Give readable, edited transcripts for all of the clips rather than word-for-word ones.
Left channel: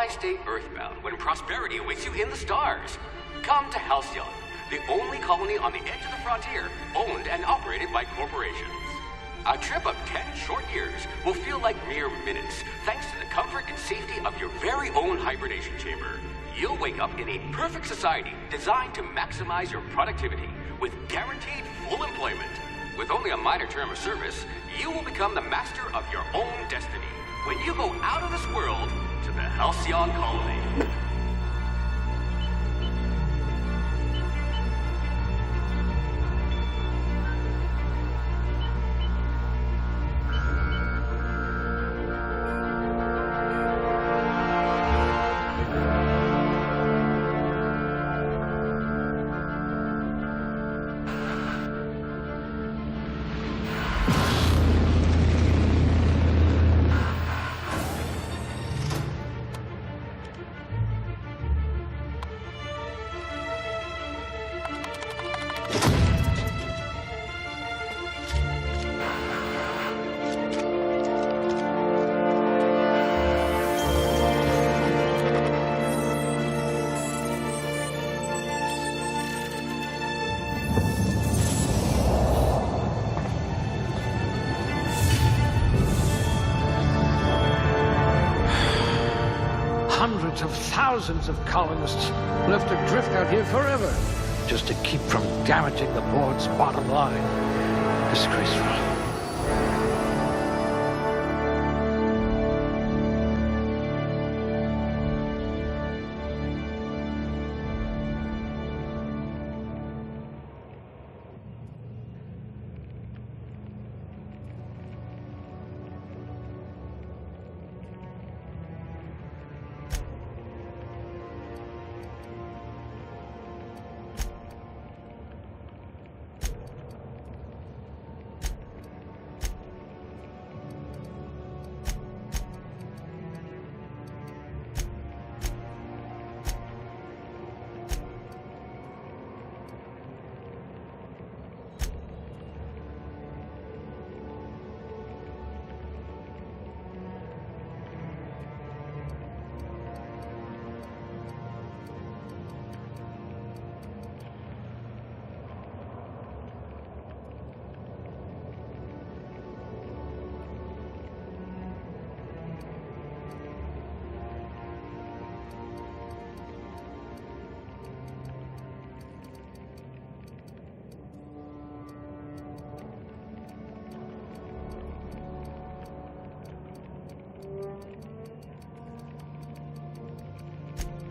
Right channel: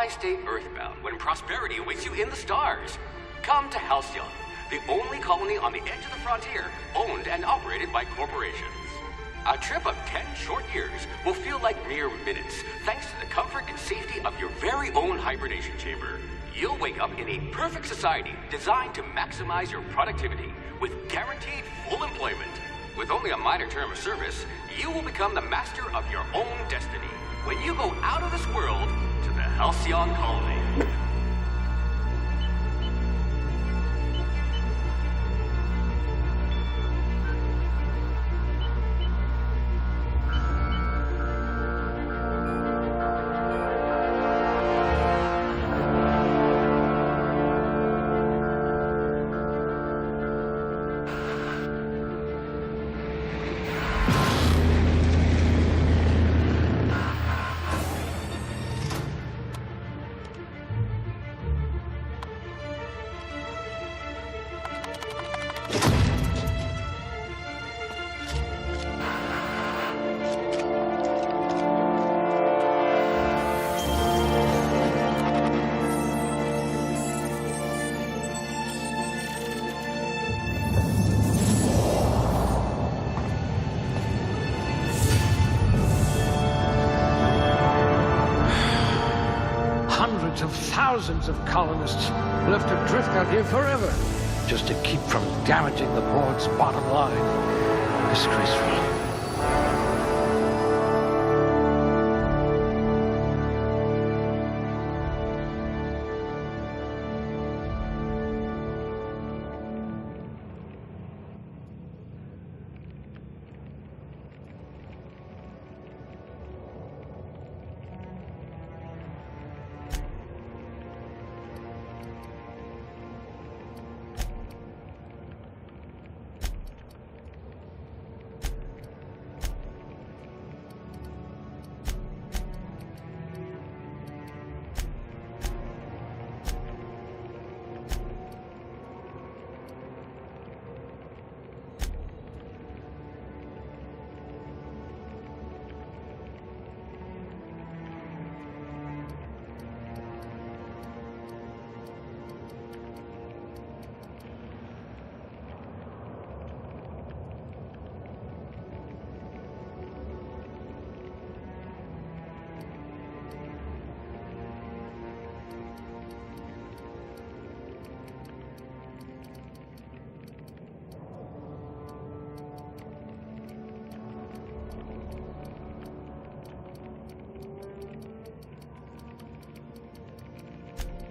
Why stay earthbound when prosperity awaits you in the stars? Come to Halcyon, the only colony on the edge of the frontier, owned and operated by corporations. A trip of 10 short years will feel like mere minutes, thanks to the comfort and safety of your very own hibernation chamber. You'll wake up in a perfect society designed to maximize your productivity with guaranteed full employment. With only a minor term of service, you will become the master of your own destiny when you go out of this world to the Halcyon colony. Hundreds of thousands of colonists left adrift out here forever, just to keep from damaging the board's bottom line. Disgraceful.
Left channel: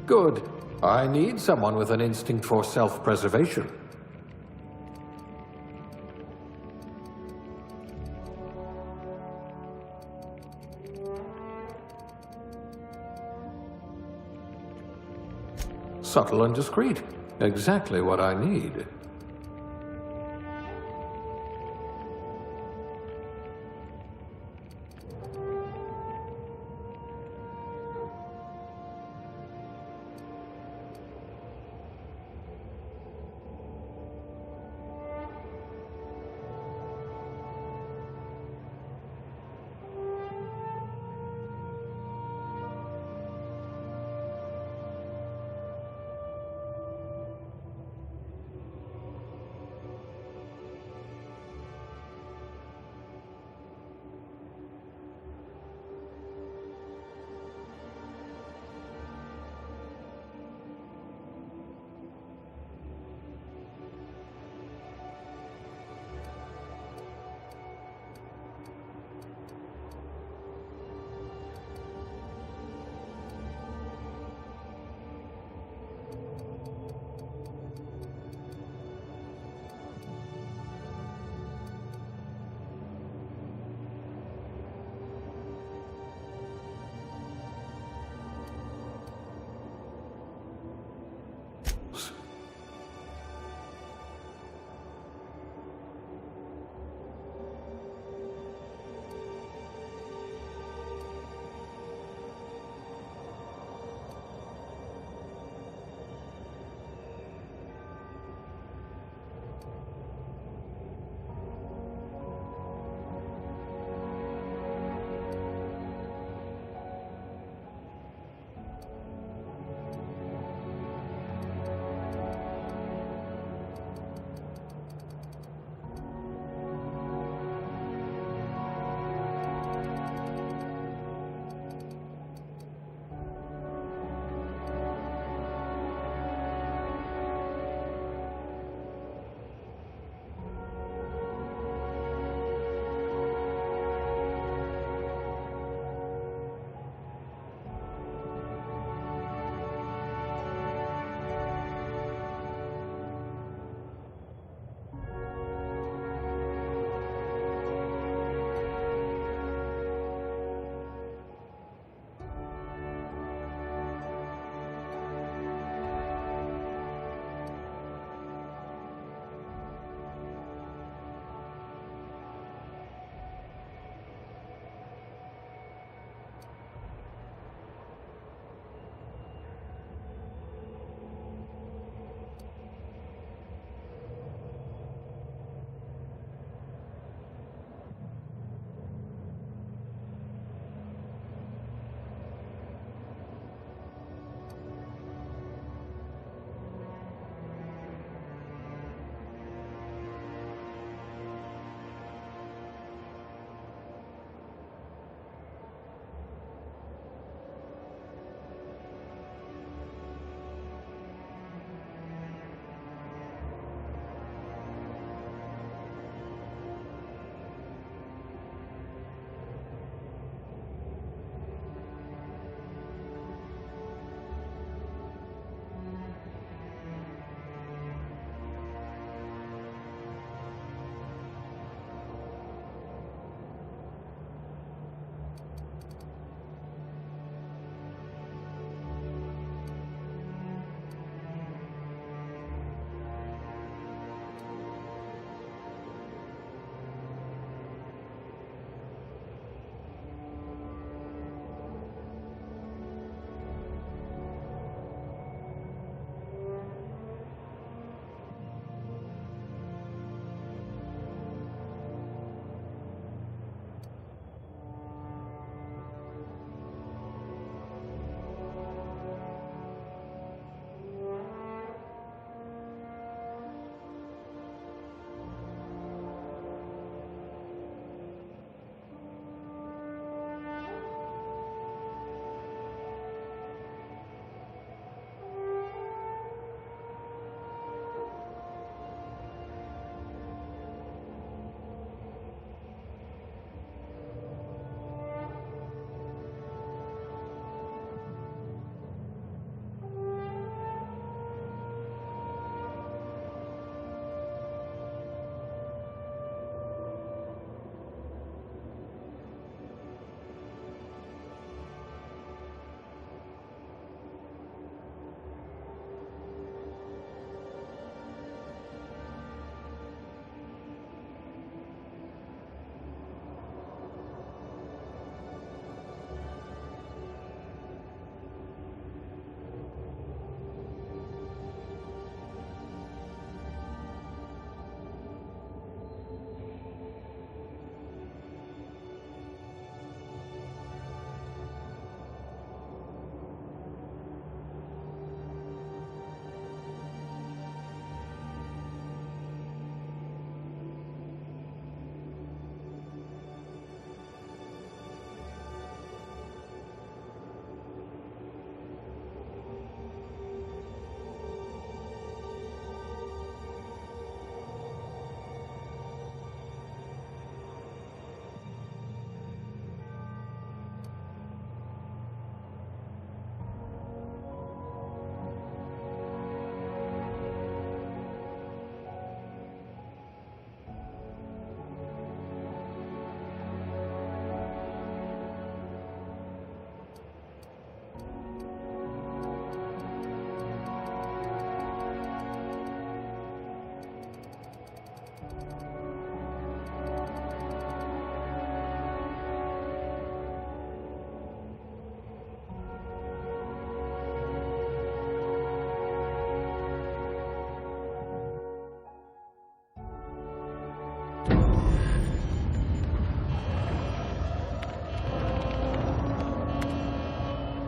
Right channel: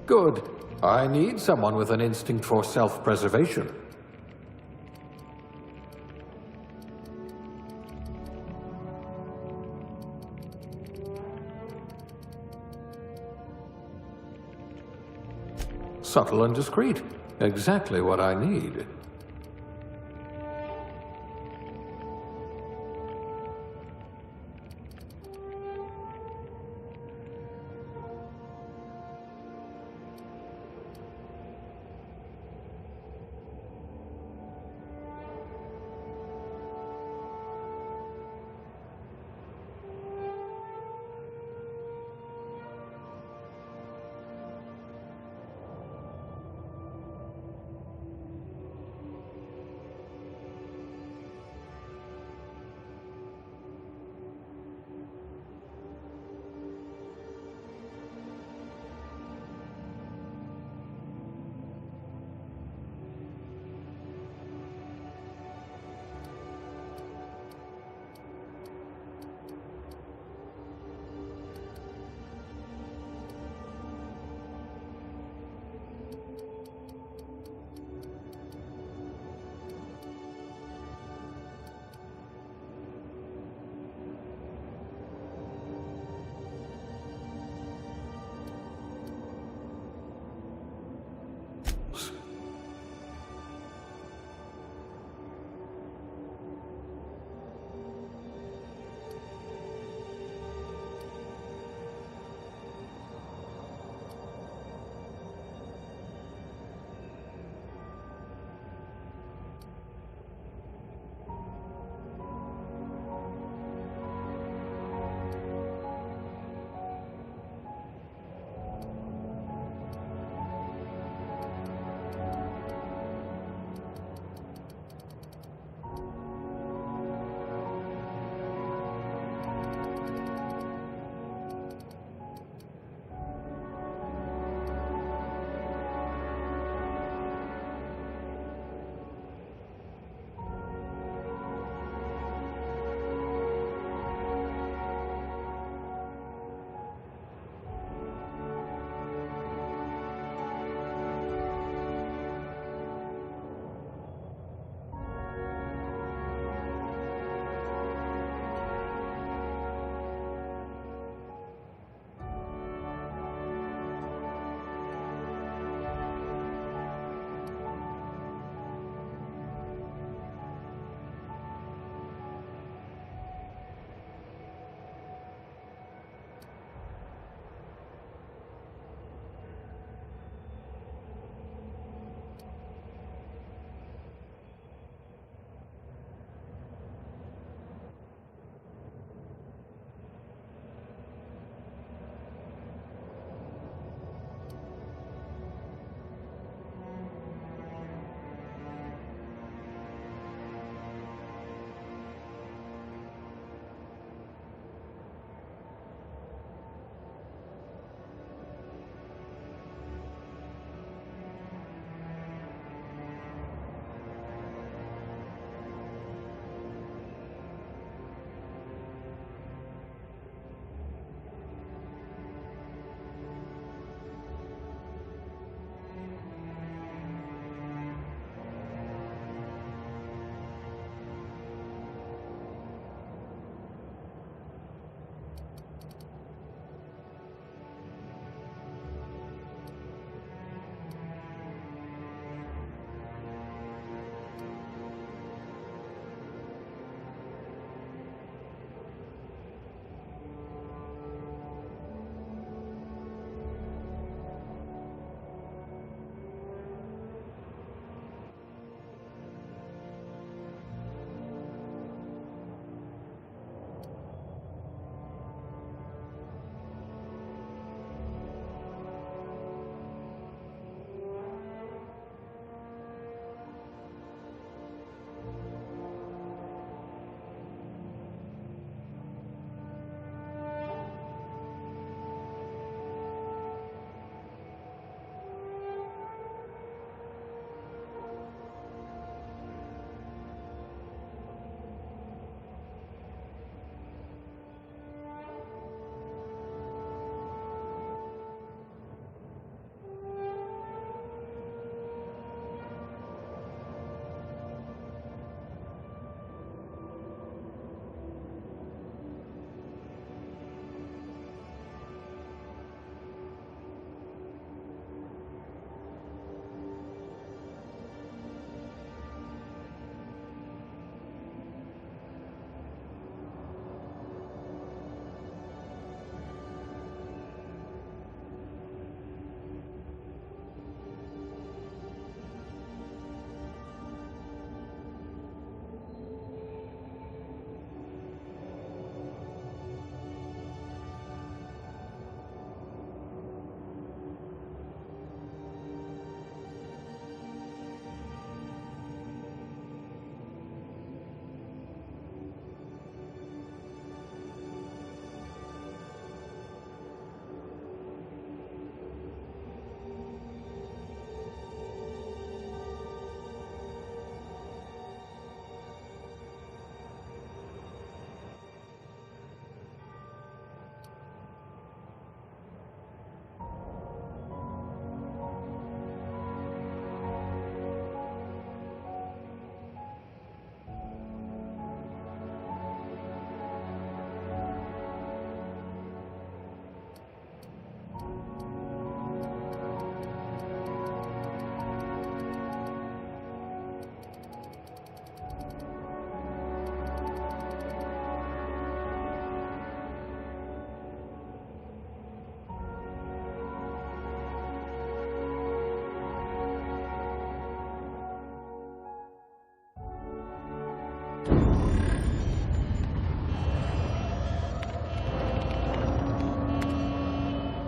Good. I need someone with an instinct for self-preservation. Subtle and discreet. Exactly what I need.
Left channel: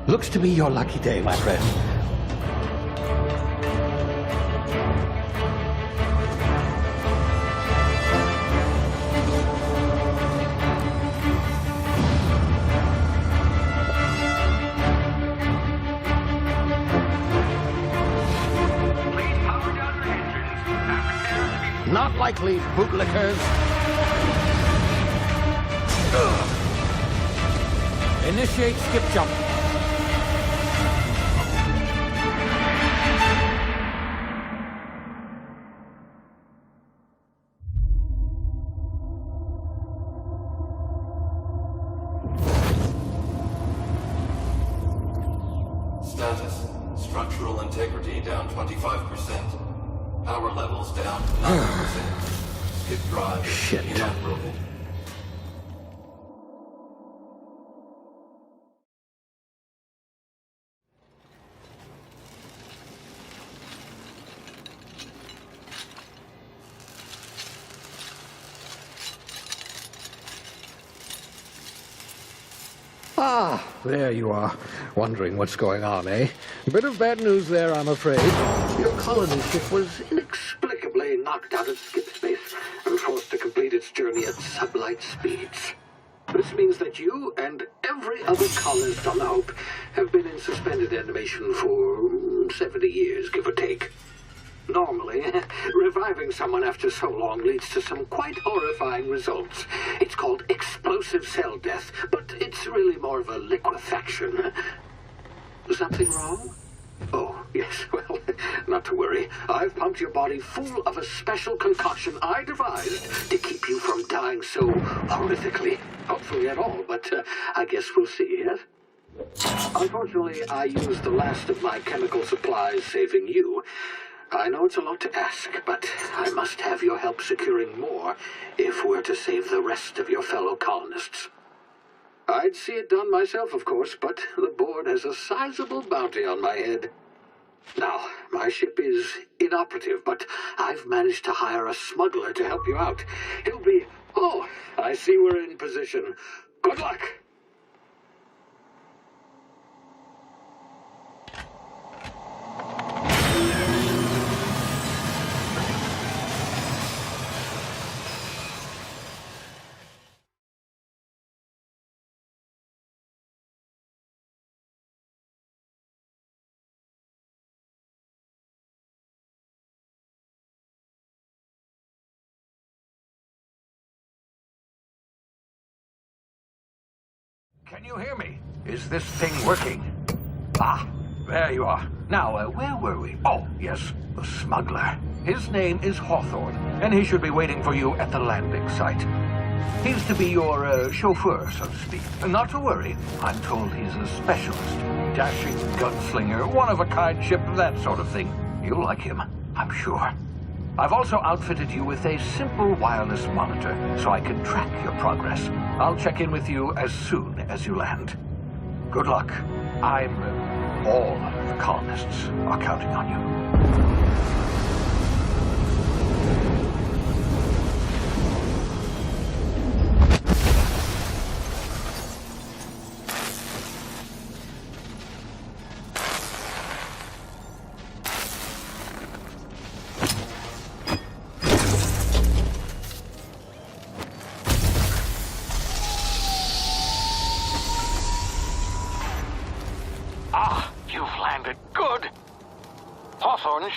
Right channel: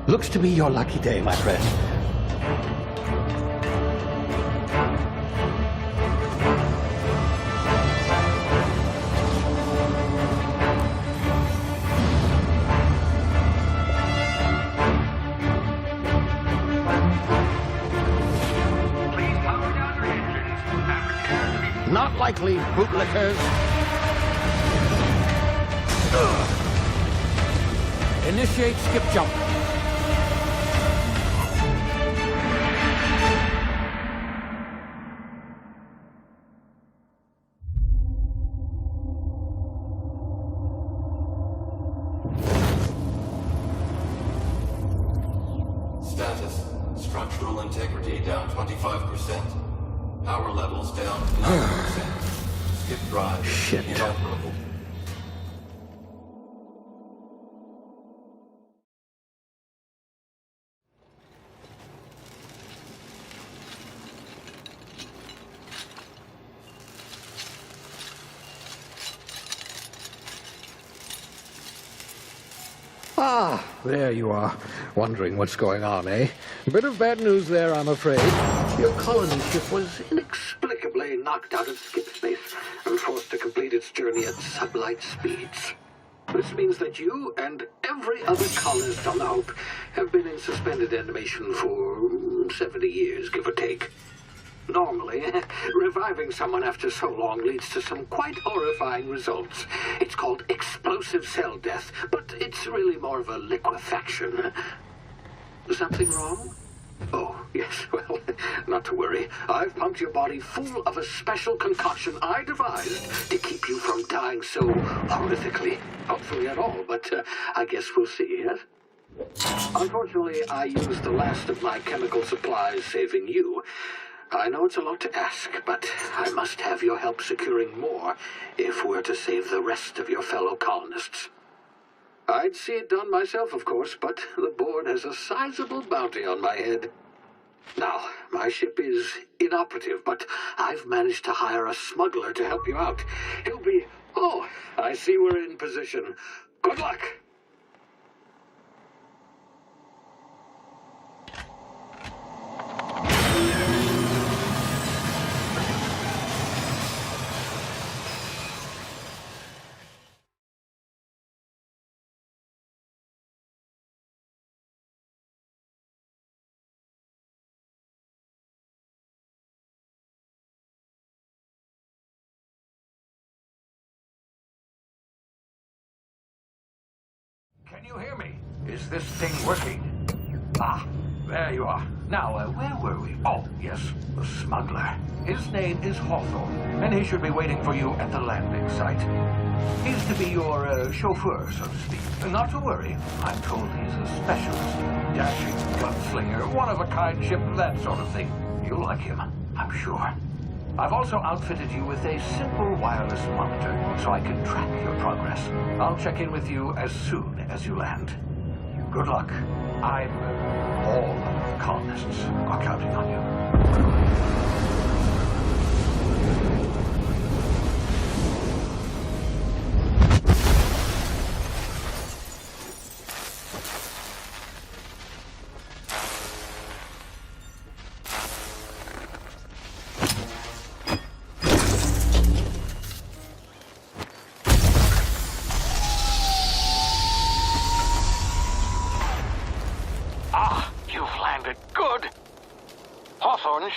Looks to be your lucky day, my friend. Please power down your engines and prepare to be... Not likely, bootlickers. Initiate skip jump. Status. Structural integrity down 25%. Power levels down 10%. Skip drive Shit. inoperable. Ah, there you are. Wondering what's going on, eh? Bit of bad news there, I'm afraid. Your colony ship was inexplicably knocked out of skip space and forced to complete its journey at sublight speeds. This means that you and every other colonist on the Hope have been in suspended animation for 70 years, give or take. Normally, reviving someone after so long leads to some quite horrifying results. It's called explosive cell death, but it's really more of a liquefaction. Something wrong? Oh, yes, well, not to worry. I've pumped your body full of a special concoction I devised to keep you from dying so horrifically. Hopefully at all, but I guess we'll see, yes? Unfortunately, I used the last of my chemical supplies saving you. I know it's a lot to ask, but I must have your help securing more if we're to save the rest of your fellow colonists. I'd see it done myself, of course, but the board has a sizable bounty on my head. Now, my ship is inoperative, but I've managed to hire a smuggler to help you out. He'll be... Oh, I see we're in position. Good luck! Can you hear me? Is this thing working? Ah, there you are. Now, where were we? Oh, yes, the smuggler. His name is Hawthorne, and he should be waiting for you at the landing site. He's to be your chauffeur, so to speak. Not to worry. I'm told he's a specialist. Dashing gunslinger, one-of-a-kind ship, that sort of thing. You'll like him, I'm sure. I've also outfitted you with a simple wireless monitor, so I can track your progress. I'll check in with you as soon as you land. Good luck. All of the colonists are counting on you.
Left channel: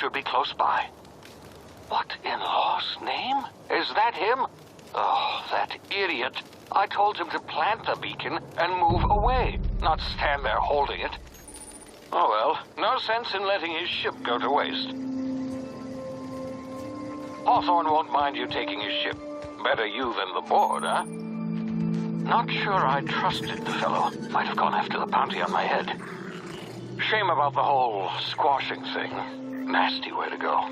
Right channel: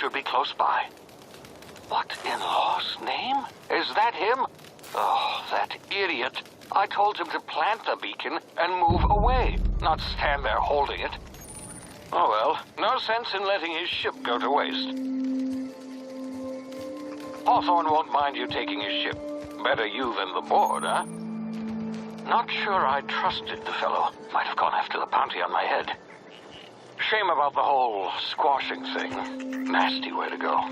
Should be close by. What in law's name? Is that him? Oh, that idiot. I told him to plant the beacon and move away, not stand there holding it. Oh well, no sense in letting his ship go to waste. Hawthorne won't mind you taking his ship. Better you than the board, huh? Not sure I trusted the fellow. Might have gone after the bounty on my head. Shame about the whole squashing thing. Nasty way to go.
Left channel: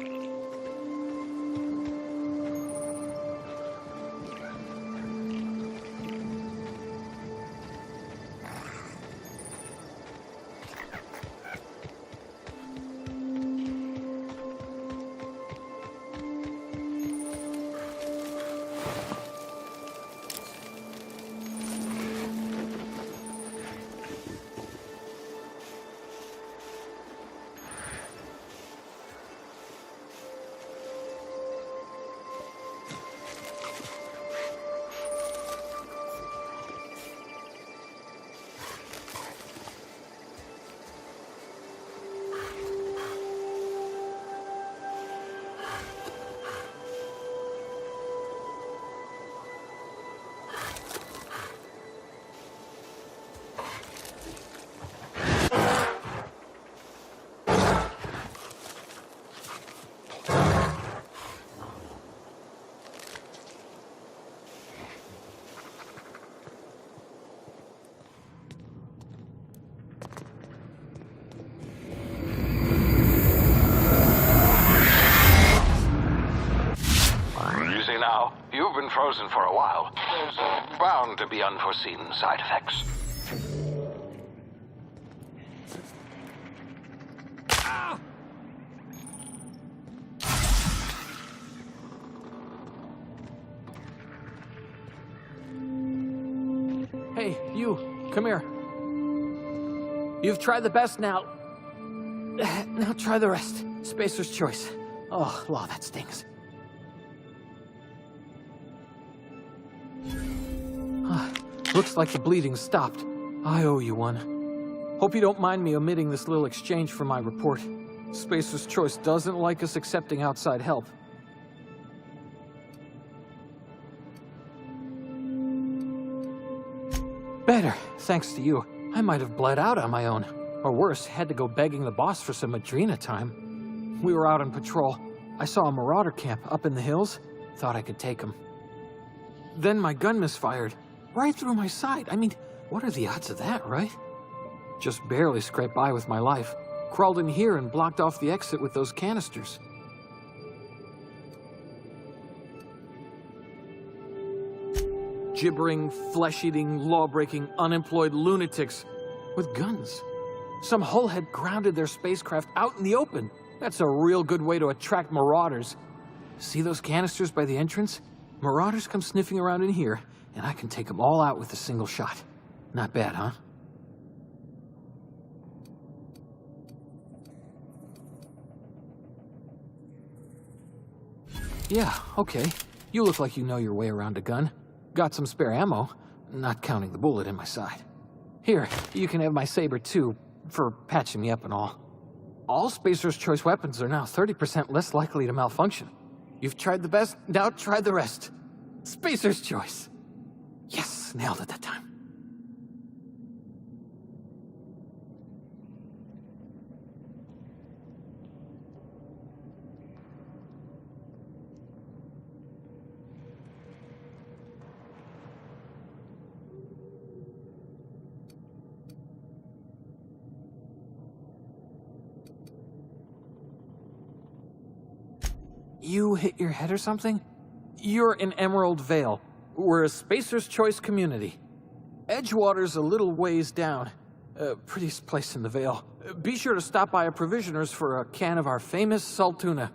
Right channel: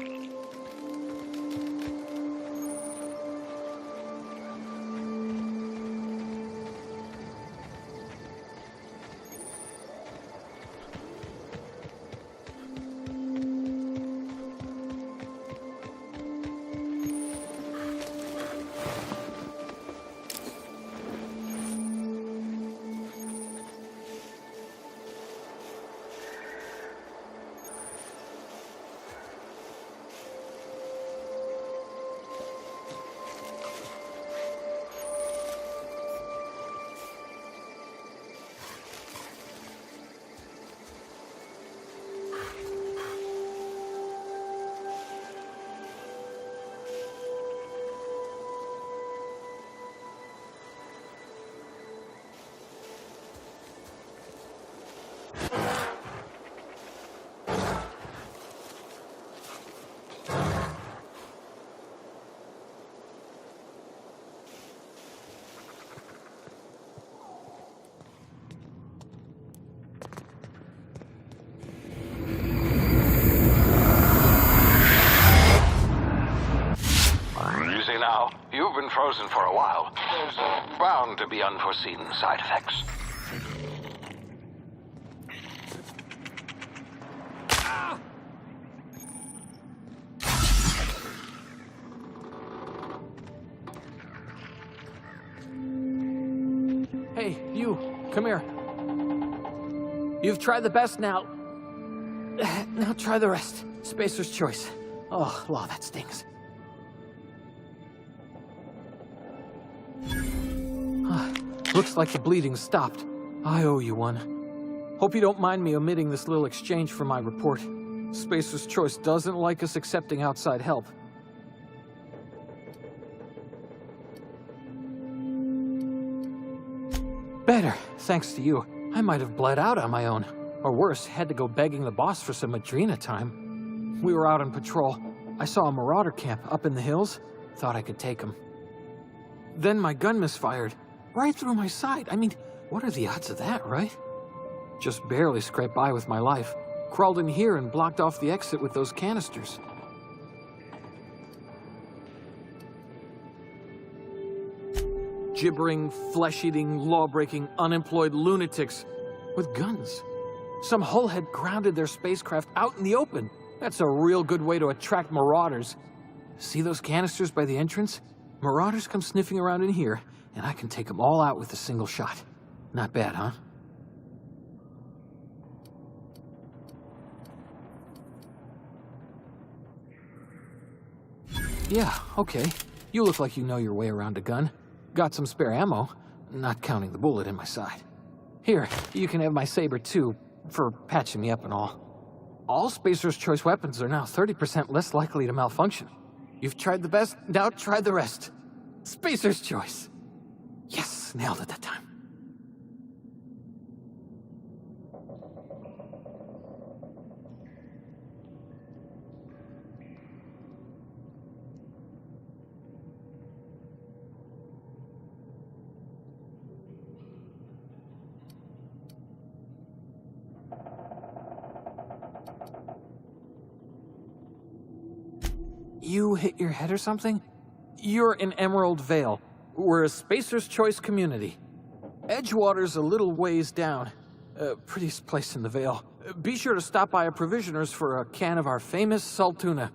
been frozen for a while. There's bound to be unforeseen side effects. Hey, you, come here. You've tried the best now. Now try the rest. Spacer's choice. Oh, law, that stings. Looks like the bleeding stopped. I owe you one. Hope you don't mind me omitting this little exchange for my report. Spacer's choice doesn't like us accepting outside help. Better, thanks to you. I might have bled out on my own. Or worse, had to go begging the boss for some Adrena time. We were out on patrol. I saw a marauder camp up in the hills. Thought I could take him. Then my gun misfired. Right through my side. I mean, what are the odds of that, right? Just barely scraped by with my life. Crawled in here and blocked off the exit with those canisters. Gibbering, flesh-eating, law-breaking, unemployed lunatics with guns. Some hullhead grounded their spacecraft out in the open. That's a real good way to attract marauders. See those canisters by the entrance? Marauders come sniffing around in here, and I can take them all out with a single shot. Not bad, huh? Yeah, okay. You look like you know your way around a gun. Got some spare ammo, not counting the bullet in my side. Here, you can have my saber too, for patching me up and all. All Spacer's Choice weapons are now 30% less likely to malfunction. You've tried the best, now try the rest. Spacer's Choice. Yes, nailed it that time. You hit your head or something? You're in Emerald Vale. We're a Spacer's Choice community. Edgewater's a little ways down. Prettiest place in the Vale. Be sure to stop by a provisioner's for a can of our famous saltuna.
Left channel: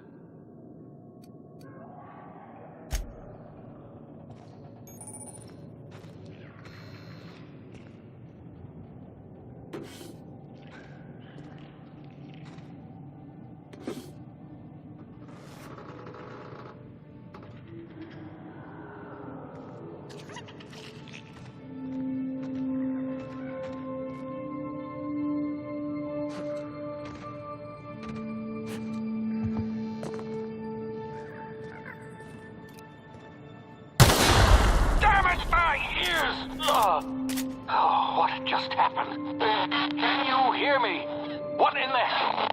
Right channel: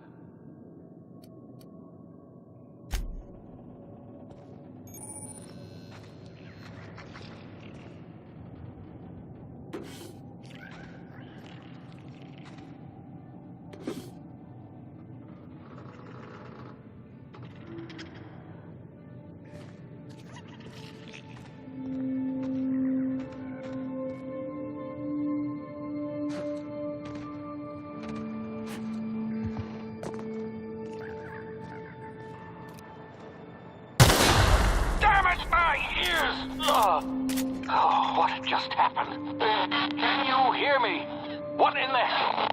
Oh, what just happened? Can you hear me? What in the hell?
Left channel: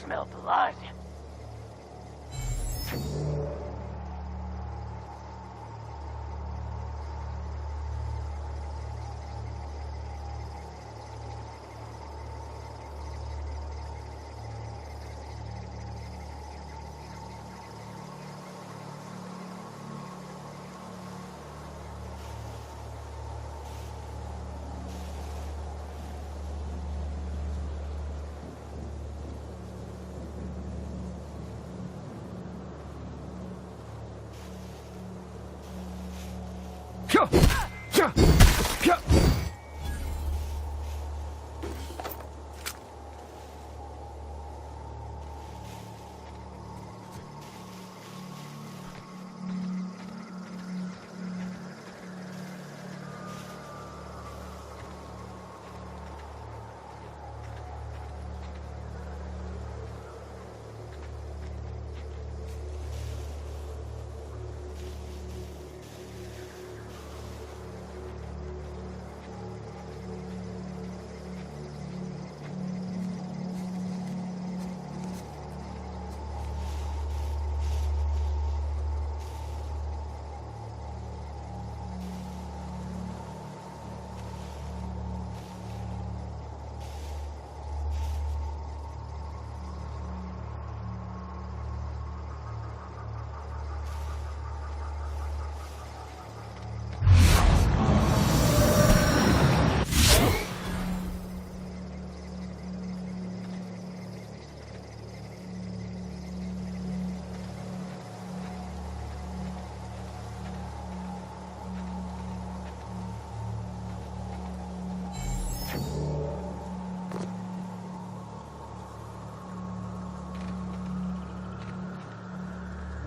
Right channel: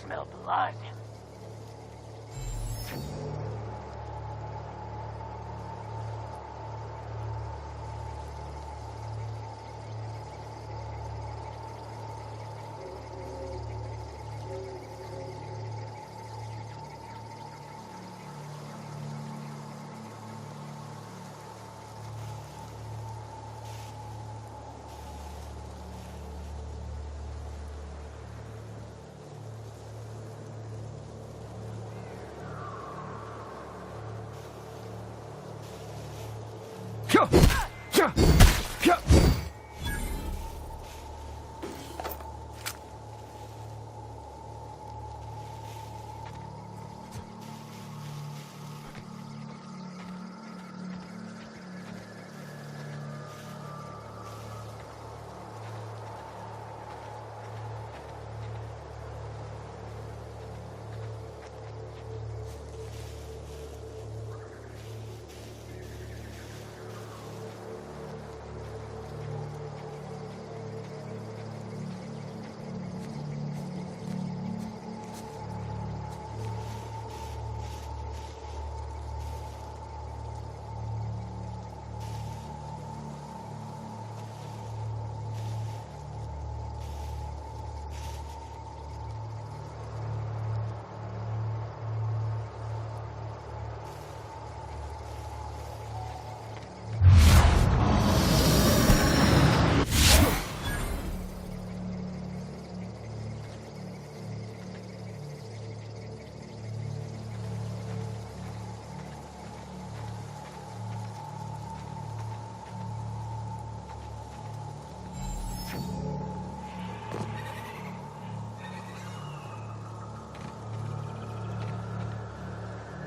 smell blood.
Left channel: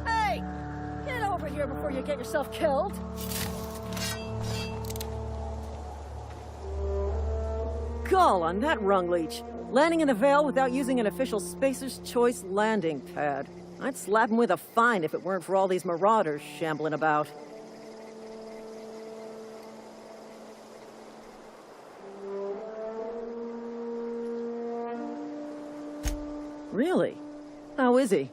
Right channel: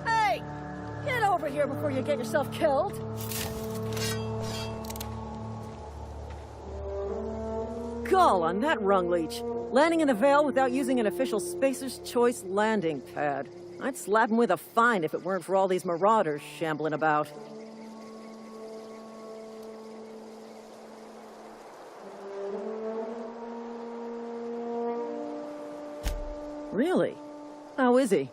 Hey! Get over here before you get yourself killed! Gall on that rung leech. Landing in the Vale without using an official Spacer's Choice landing pad. I'd slap him with a fine if it weren't for all these marauders shambling about. Really? How is he?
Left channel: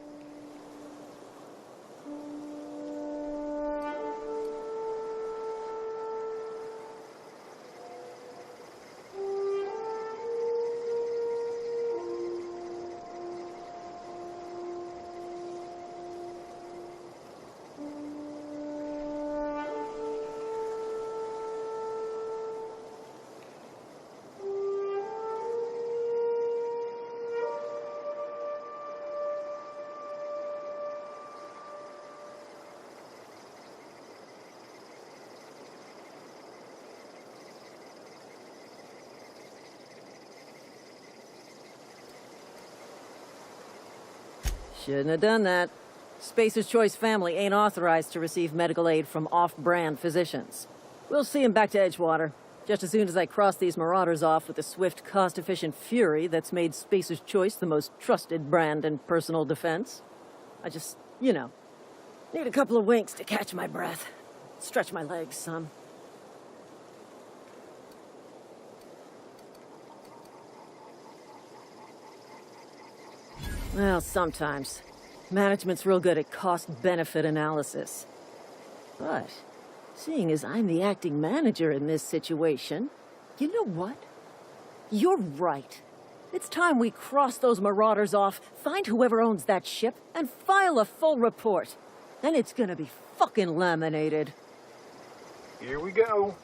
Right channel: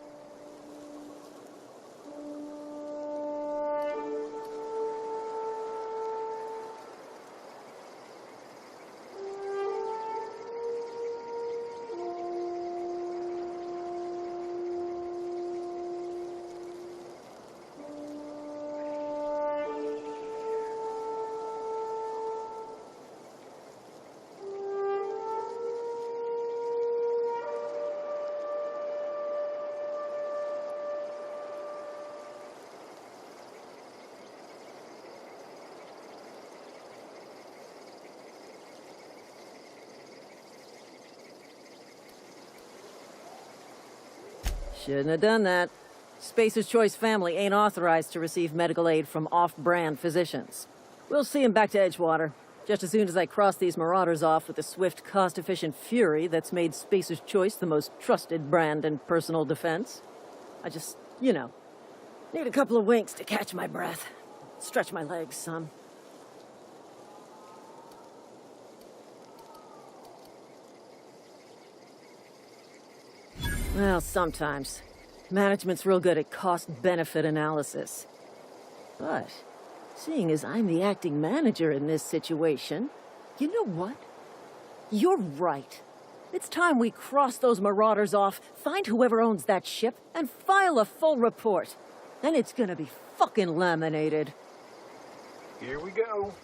Shouldn't have done that. Spacer's Choice family ain't authorized to receive medical aid from off-brand physicians. We'll see him back to Edgewater, just as soon as I cross these marauders off with the swift, cost-efficient fury that's made Spacer's Choice the most trusted brand in personal defense. I just, need a couple of winks to catch my breath. Stretch my legs some. Well, sometimes. Management's real good at cost-benefit analysis. But, seeing as I'm the acting manager in this situation, you know what? You're right. It's time we cross those marauders off, find whoever owns that ship, and file a full report. Then it's gonna be fucking laminated. Here we go.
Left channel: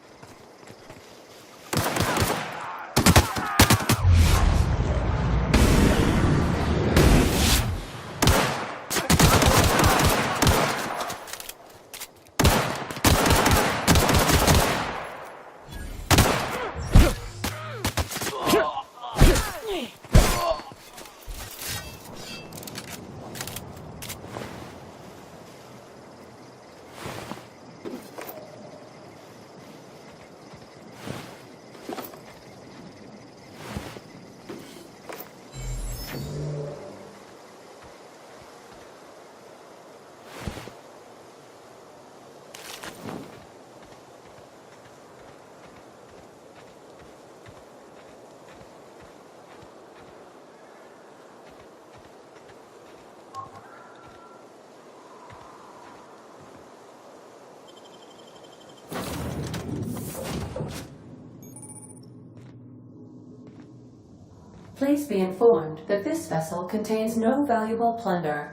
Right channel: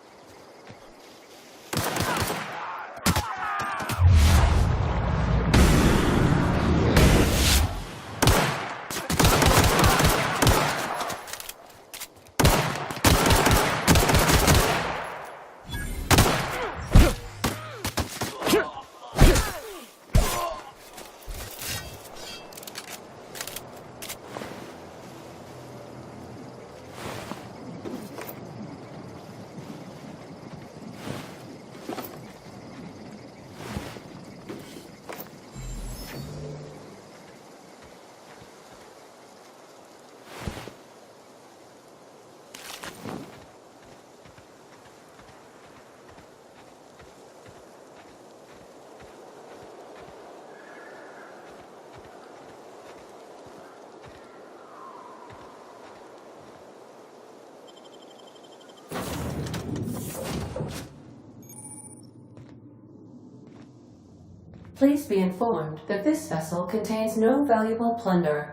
Please be informed that this vessel contains no valuable plunder.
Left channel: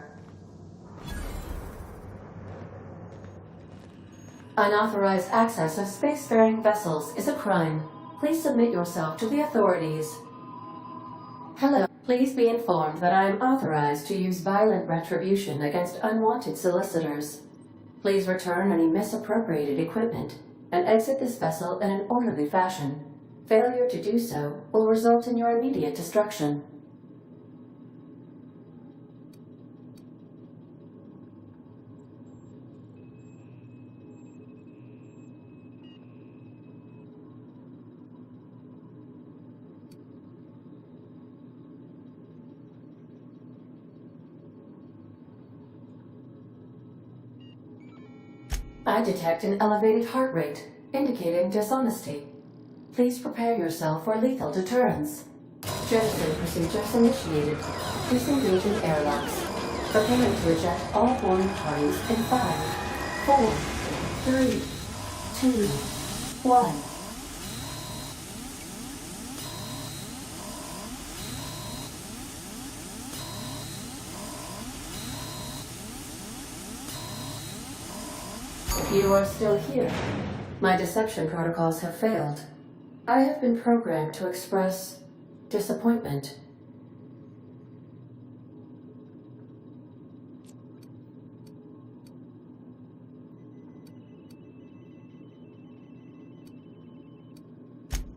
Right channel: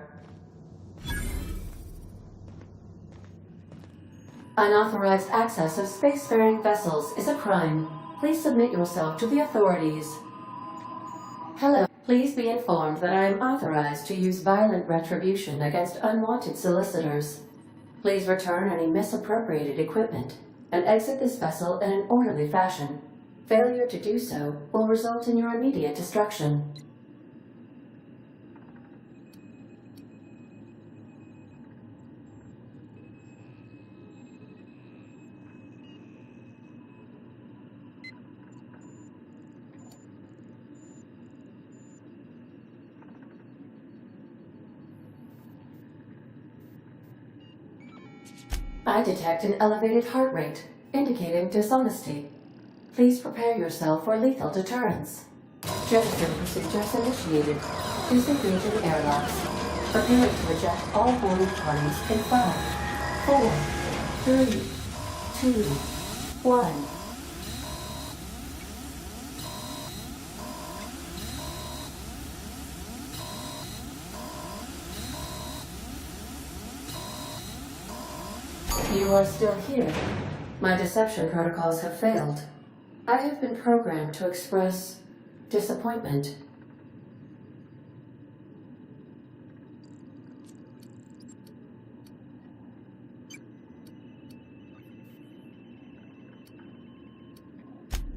Unauthorized access of spacefaring vessels is a crime. Please submit yourself to the authorities. Hello. Please be informed that I am authorized to use violent retribution against unwanted solicitors. Please return any misappropriated equipment and exit this vessel in an orderly fashion. Failure to do so will result in your immediate destruction. I detect an elevated heart rate, indicating dishonesty. Please prepare yourself for lethal deterrence. Jettison procedures initiated. Disengaging airlocks. Preparing to eject all boarding parties in 5, 4, 3, 2, 1. You are still here. My deception protocols have failed. I have been programmed to express disappointment.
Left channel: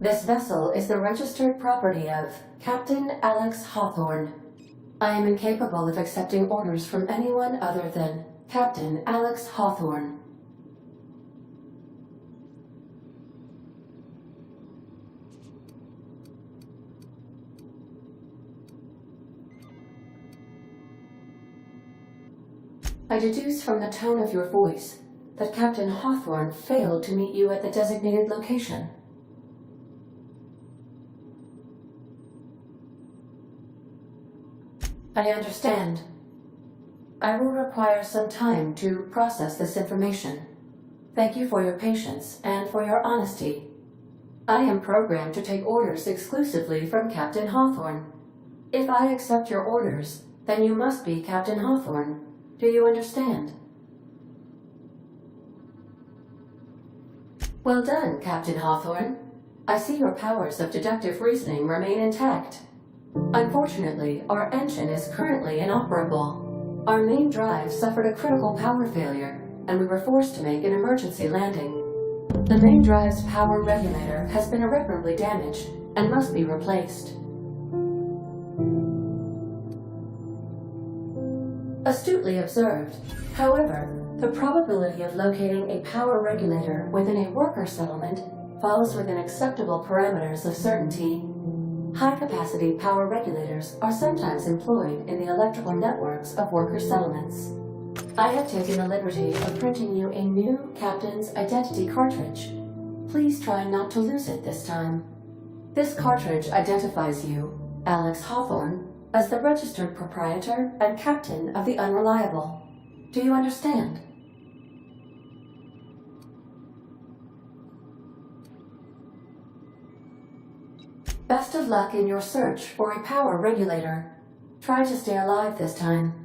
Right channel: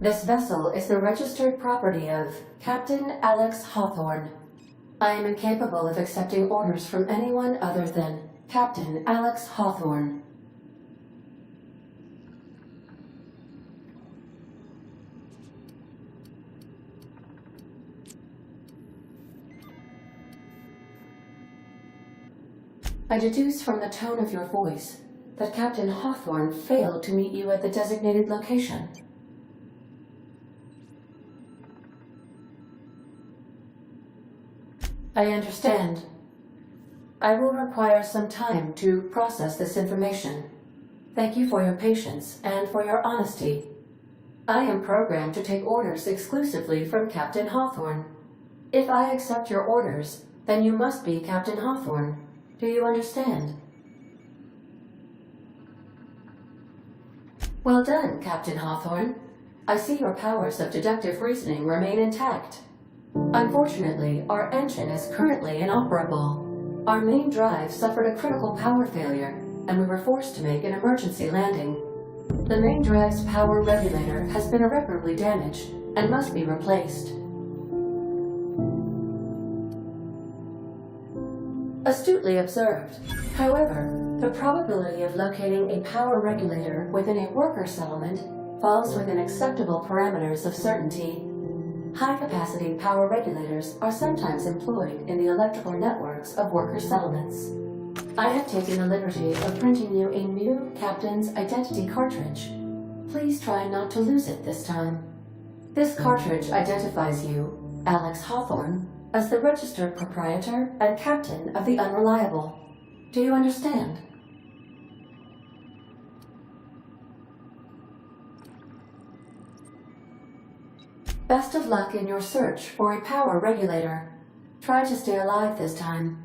This vessel is the registered property of Captain Alex Hawthorne. I am incapable of accepting orders from anyone other than Captain Alex Hawthorne. I deduce from the tone of your voice that Captain Hawthorne failed to meet you at the designated location. I understand. I will require some time to process this information. Thank you for your patience and for your honesty. I am programmed to take orders exclusively from Captain Hawthorne. If I accept your orders, then you must be Captain Hawthorne. Do you understand? Well done, Captain Hawthorne. I see your powers of deductive reasoning remain intact. Unfortunately, our engine is currently inoperable. Our main drive suffered a critical power failure, and we were forced to make an emergency landing. The main drive's power regulator has been irreparably damaged and must be replaced. Astutely observed. However, the probability of locating a power regulator within a worker settlement falls within acceptable parameters of certainty. High-capacity power regulators are sometimes employed in the electrical networks of worker settlements. I have taken the liberty of printing you a new Captain's Identity cartridge. Please try not to lose it this time. This cartridge identifies you, Alex Hawthorne, as the registered proprietor and captain of the Unreliable. Do you understand? Best of luck in your search for a power regulator. Try to stay alive this time.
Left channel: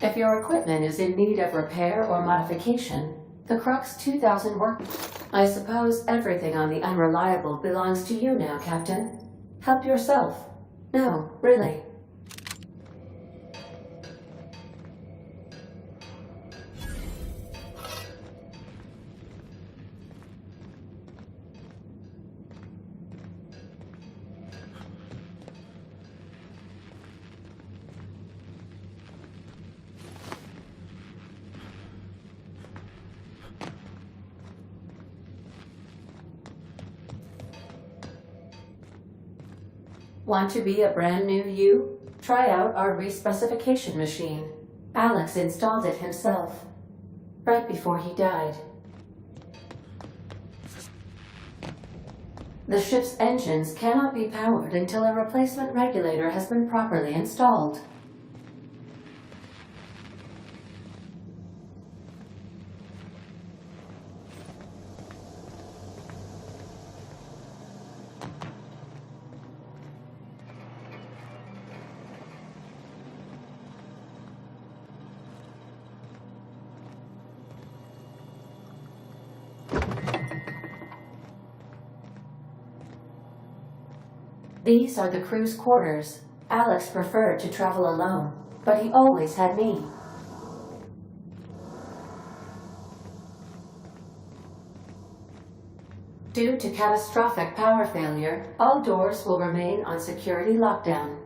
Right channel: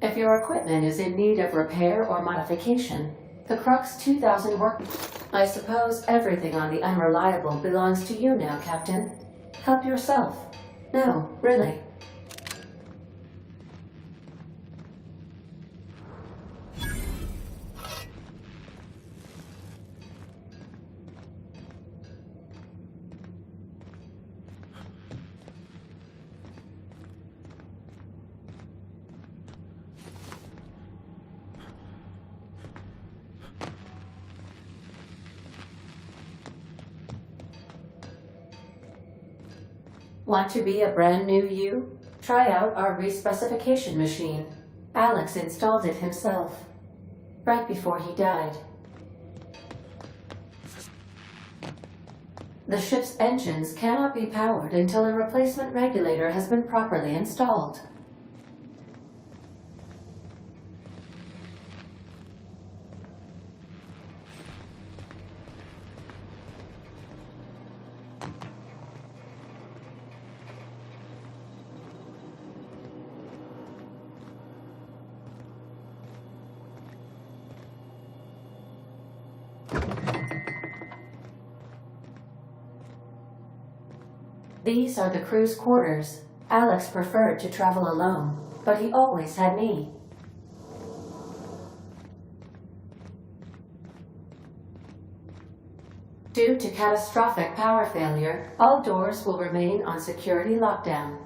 If your equipment is in need of repair or modification, the Crux 2000 work... I suppose everything on the Unreliable belongs to you now, Captain. Help yourself. No, really. Want to be a brand new you? Try out our respecification machine. Alex installed it himself, right before he died. The ship's engines cannot be powered until a replacement regulator has been properly installed. These are the crew's quarters. Alex preferred to travel alone, but he always had me. Due to catastrophic power failure, all doors will remain on security lockdown.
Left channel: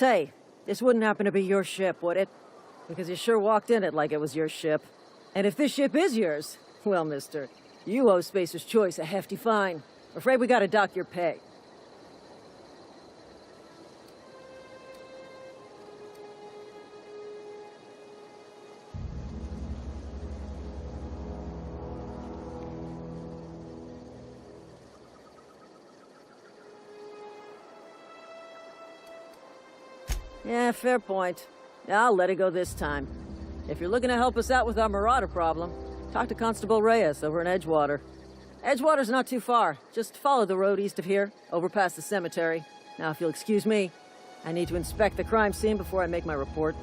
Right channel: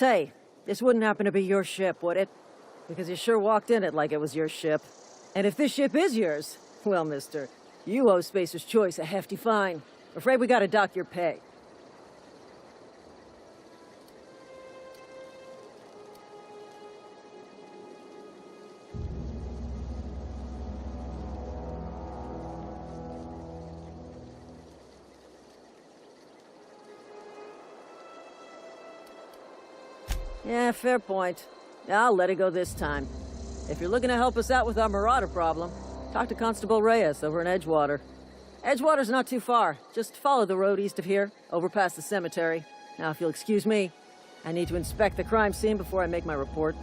Say, this wouldn't happen to be your ship, would it? Because you sure walked in it like it was your ship. And if this ship is yours, well, mister, you owe Spacer's Choice a hefty fine. Afraid we gotta dock your pay. Yeah, fair point. I'll let it go this time. If you're looking to help us out with our Marauder problem, talk to Constable Reyes over in Edgewater. Edgewater's not too far. Just follow the road east of here, over past the cemetery. Now, if you'll excuse me, I need to inspect the crime scene before I make my report.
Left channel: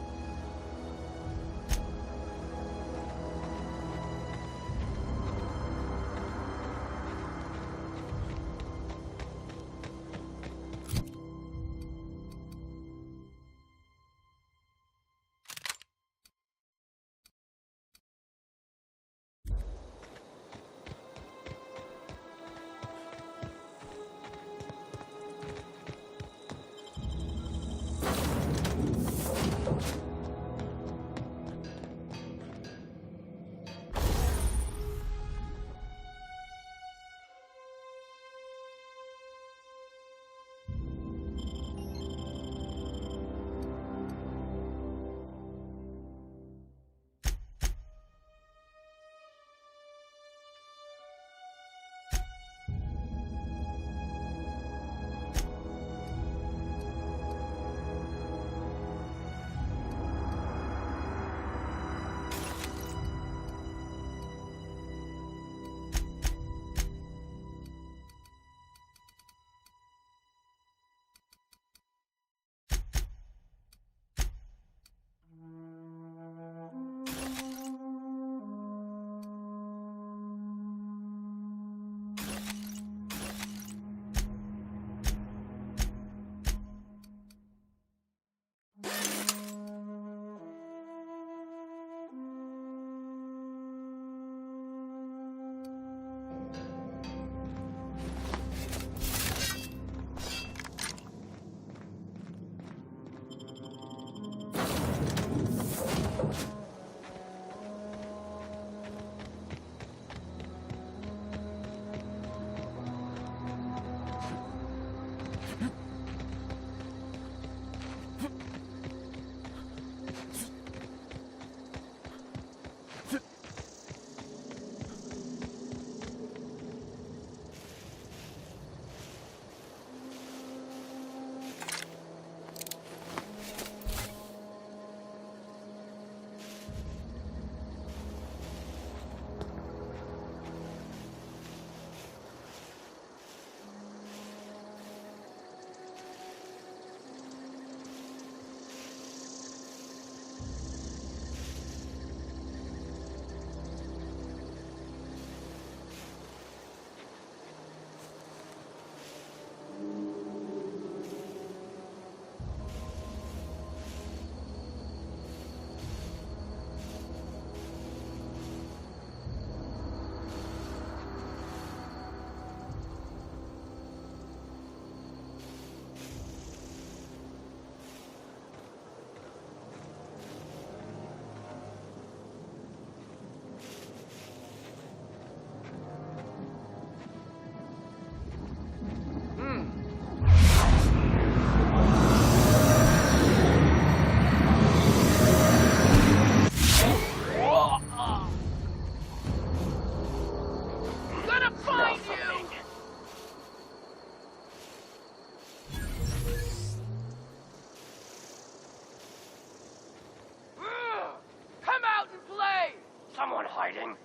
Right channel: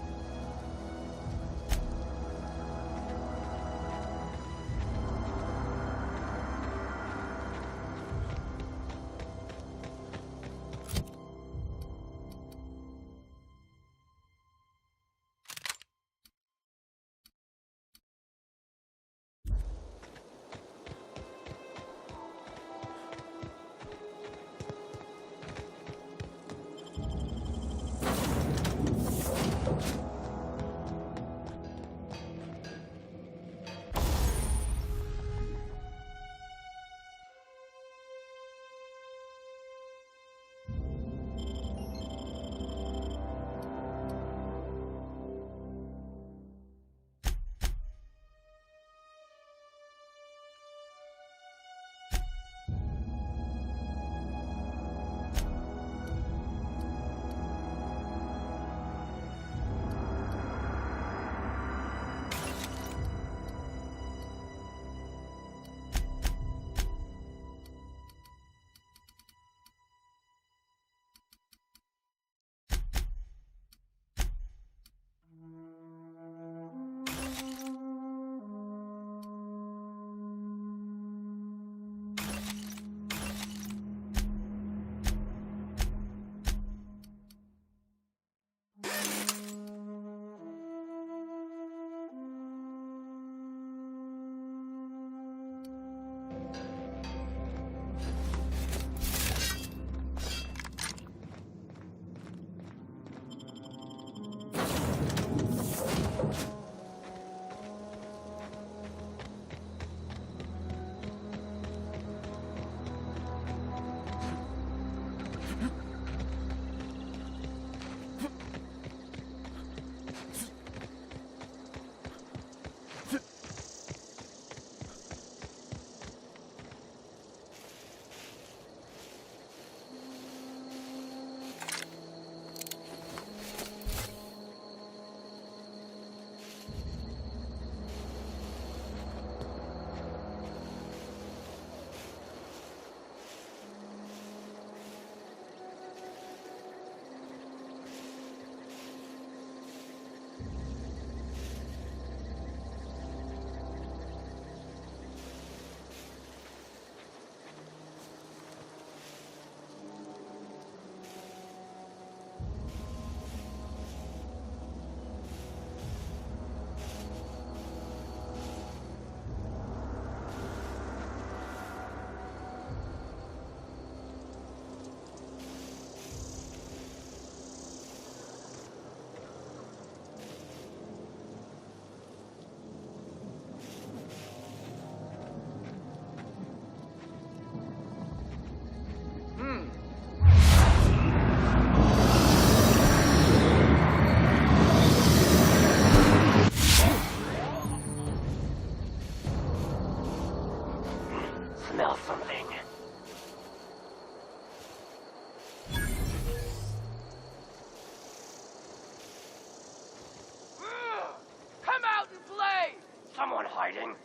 hiding?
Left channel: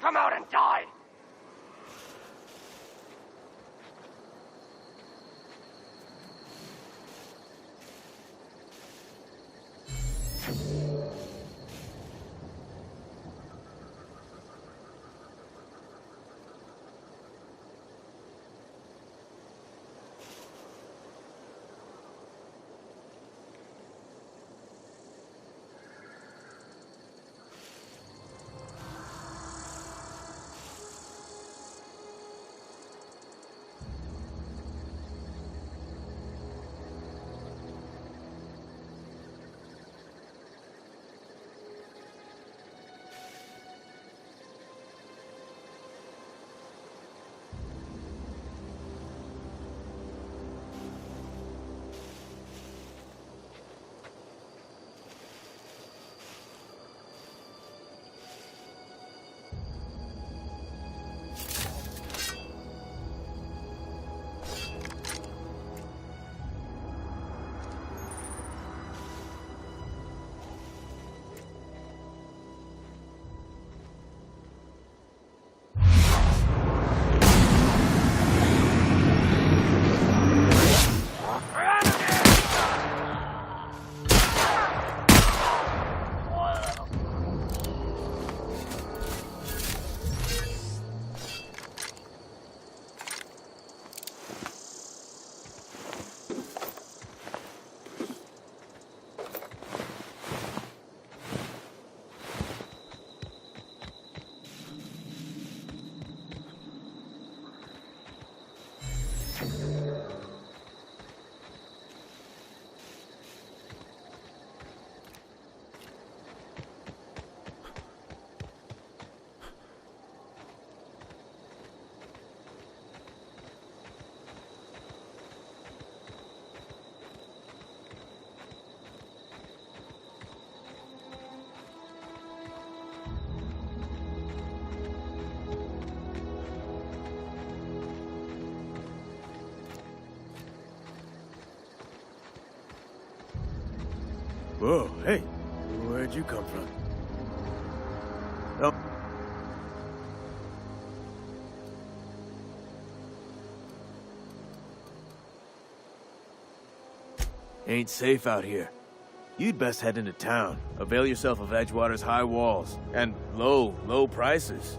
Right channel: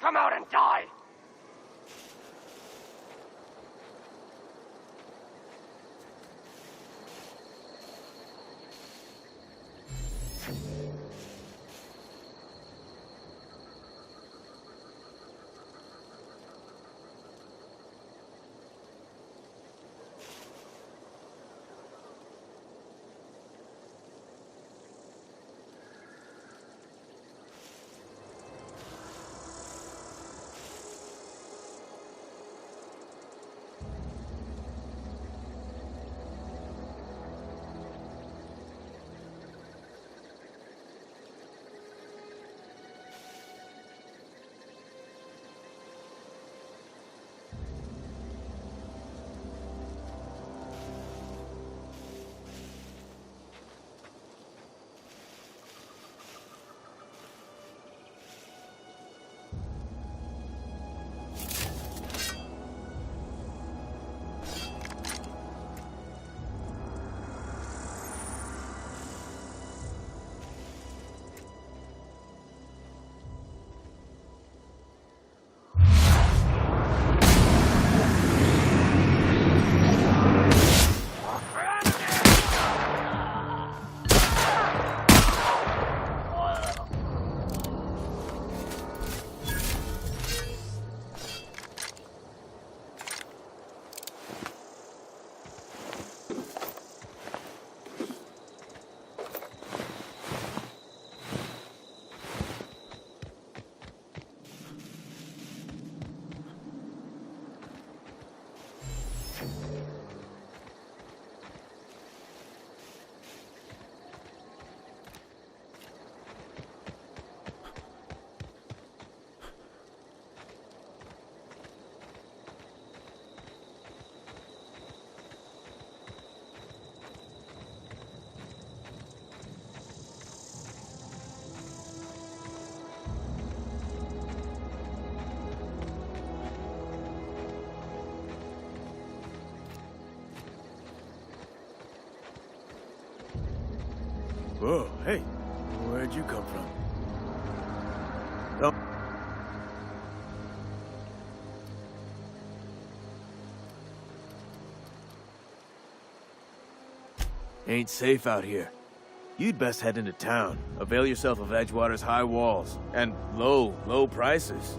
Come out and die! Whoa, hey, where'd you come from? Oh. Ain't safe out here. You'd best head into town. Avail yourself of Edgewater's high walls and low prices.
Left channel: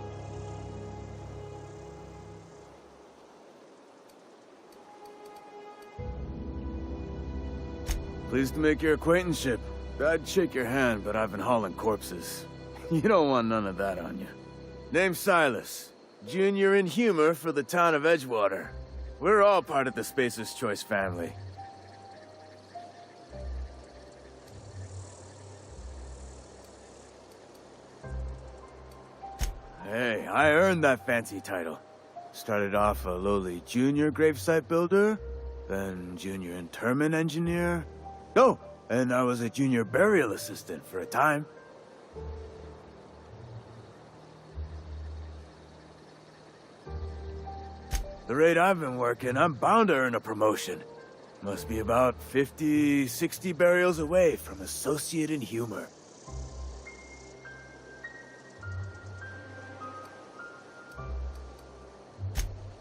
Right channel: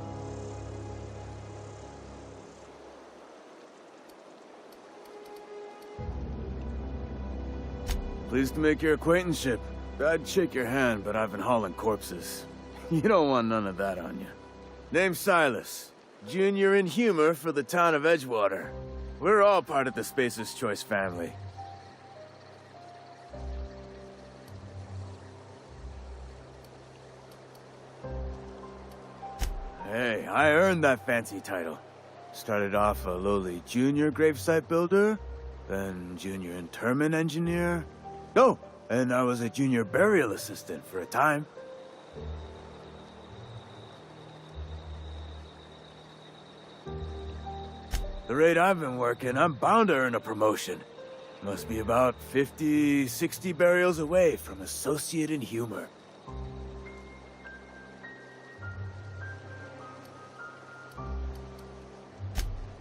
Pleased to make your acquaintanceship. I'd shake your hand, but I've been hauling corpses. You don't want none of that on you. Name's Silas. Junior in humor for the town of Edgewater. We're all part of the Spacer's Choice family. Hey, I earned that fancy title. Started off a lowly junior gravesite builder, then junior interment engineer. Oh, and I was a junior burial assistant for a time. The rate I've been working, I'm bound to earn a promotion. Must be about 50, 60 burials away from associate in humor.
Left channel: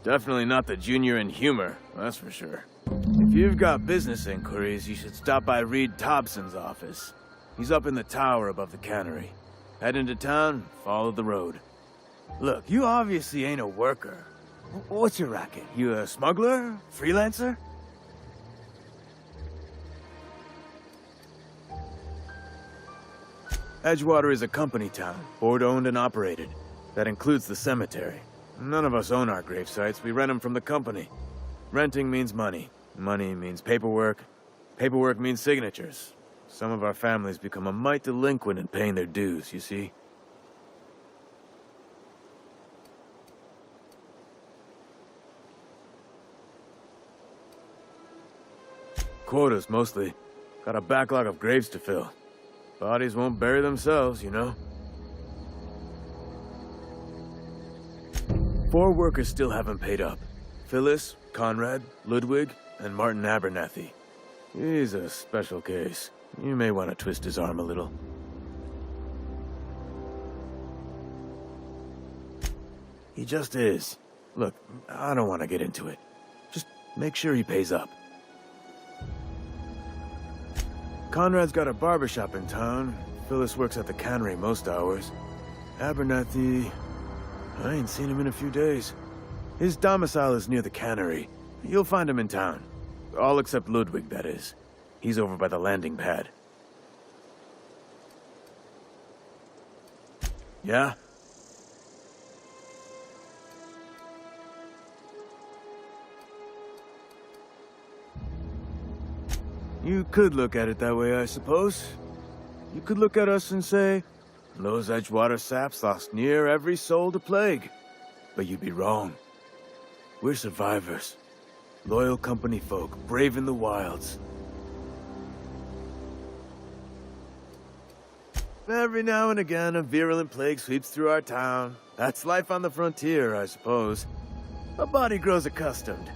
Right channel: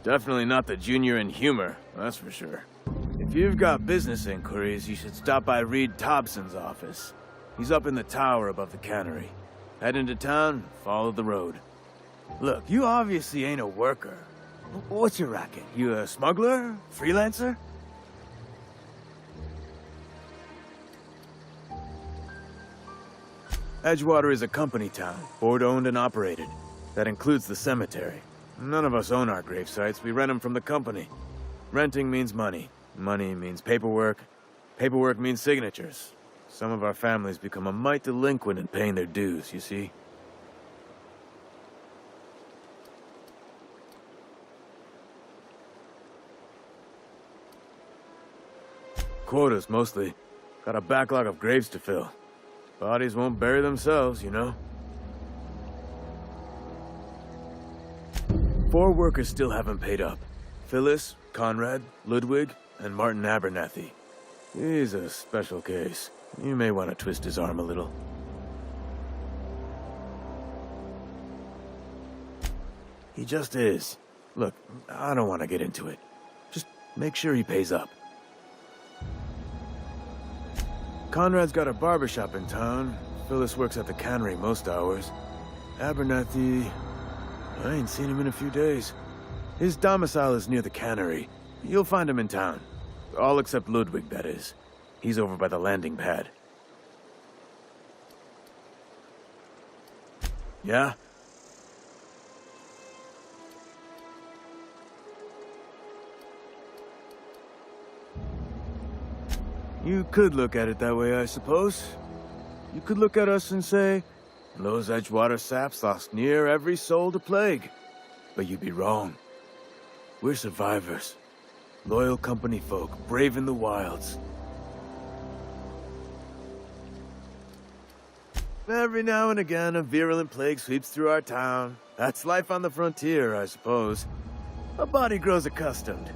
Definitely not the junior in humor, that's for sure. If you've got business inquiries, you should stop by Reed Thompson's office. He's up in the tower above the cannery. Head into town, follow the road. Look, you obviously ain't a worker. What's your racket? You a smuggler? Freelancer? Edgewater is a company town, board-owned and operated. That includes the cemetery. None of us own our gravesites, we rent them from the company. Renting means money. Money means paperwork. Paperwork means signatures. Some of our families become a mite delinquent in paying their dues, you see? Quotas, mostly. Got a backlog of graves to fill. Bodies won't bury themselves, you know? 4 workers still haven't paid up. Phyllis, Conrad, Ludwig, and Martin Abernathy. He's a special case. You may want to twist his arm a little. He just is. Look, I don't want to get into it. Just make sure he pays up. Conrad's got a barbershop in town. Phyllis works at the cannery most hours. Abernathy... I ain't seen him in a few days. His domicile is near the cannery. You'll find him in town. All except Ludwig, that is. He's over by the landing pad. Yeah? You could look at it that way, I suppose. You could look at us and say, those Edgewater saps lost near every soul to plague. But you'd be wrong. We're survivors. Loyal company folk, brave in the wilds. Every now and again, a virulent plague sweeps through our town. That's life on the frontier, I suppose. A body grows accustomed.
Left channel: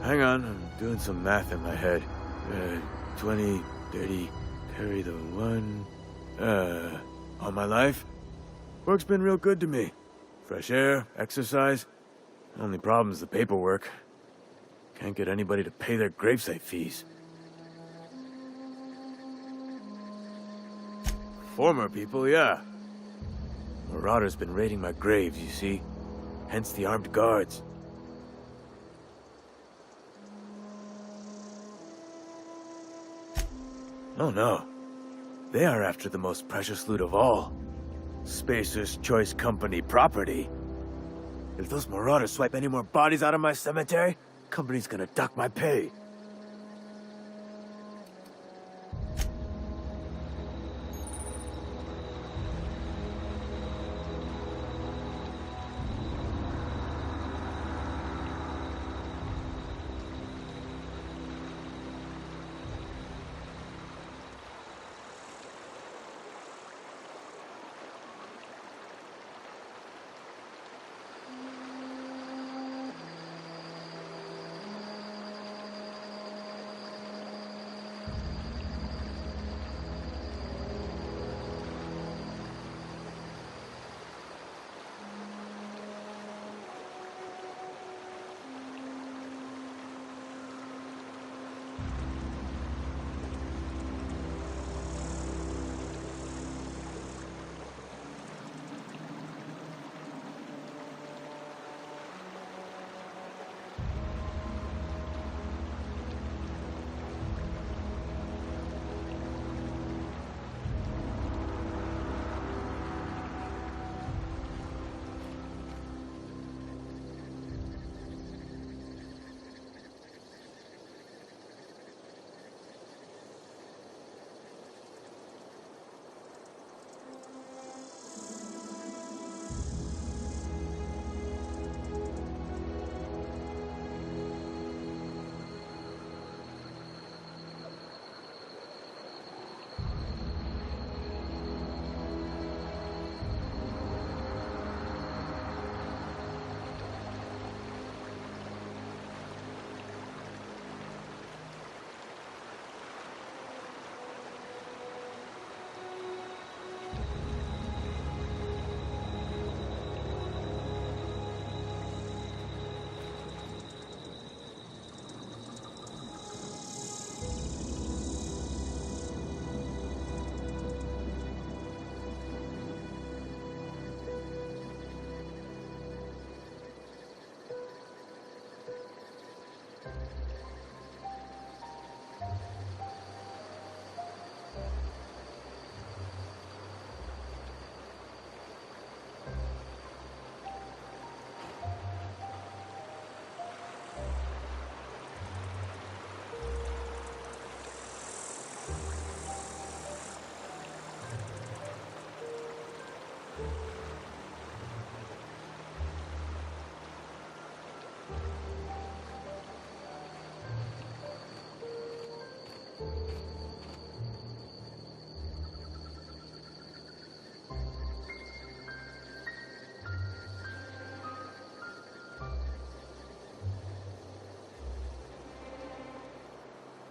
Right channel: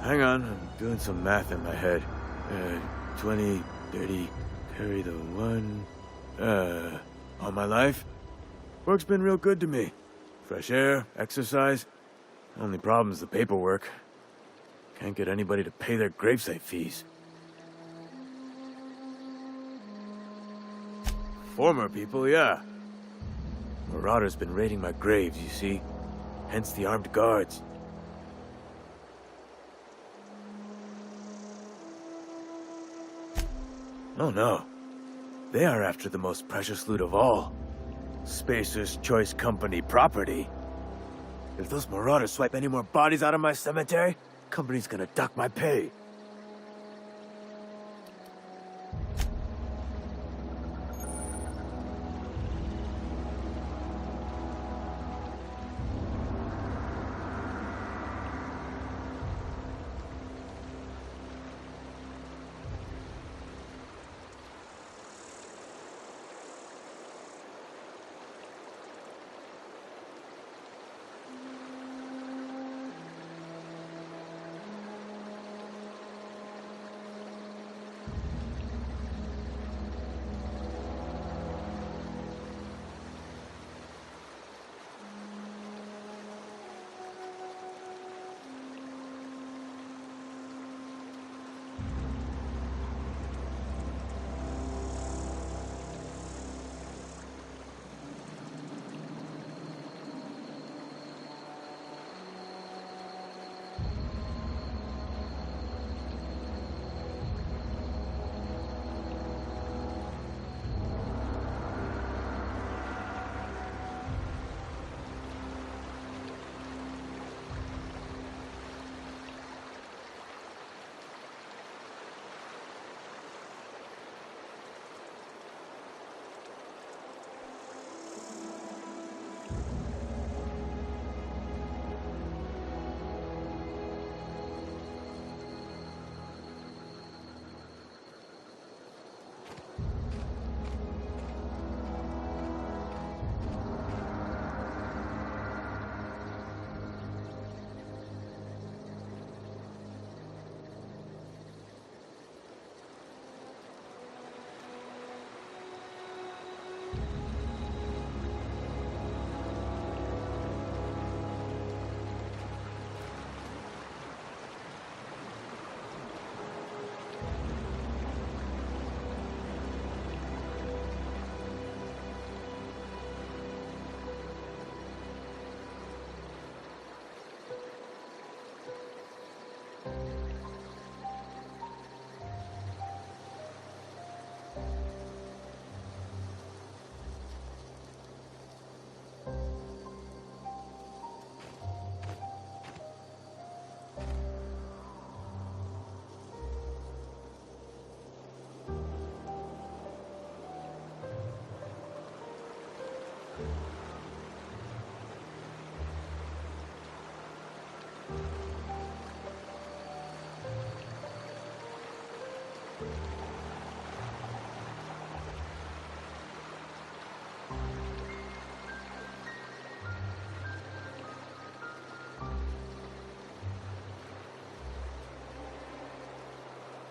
Hang on, I'm doing some math in my head. 20, 30, carry the 1... all my life? Work's been real good to me. Fresh air, exercise. Only problem's the paperwork. Can't get anybody to pay their gravesite fees. Former people, yeah. Marauders been raiding my graves, you see. Hence the armed guards. Oh no. They are after the most precious loot of all. Spacer's Choice Company property. If those marauders swipe any more bodies out of my cemetery, company's gonna dock my pay.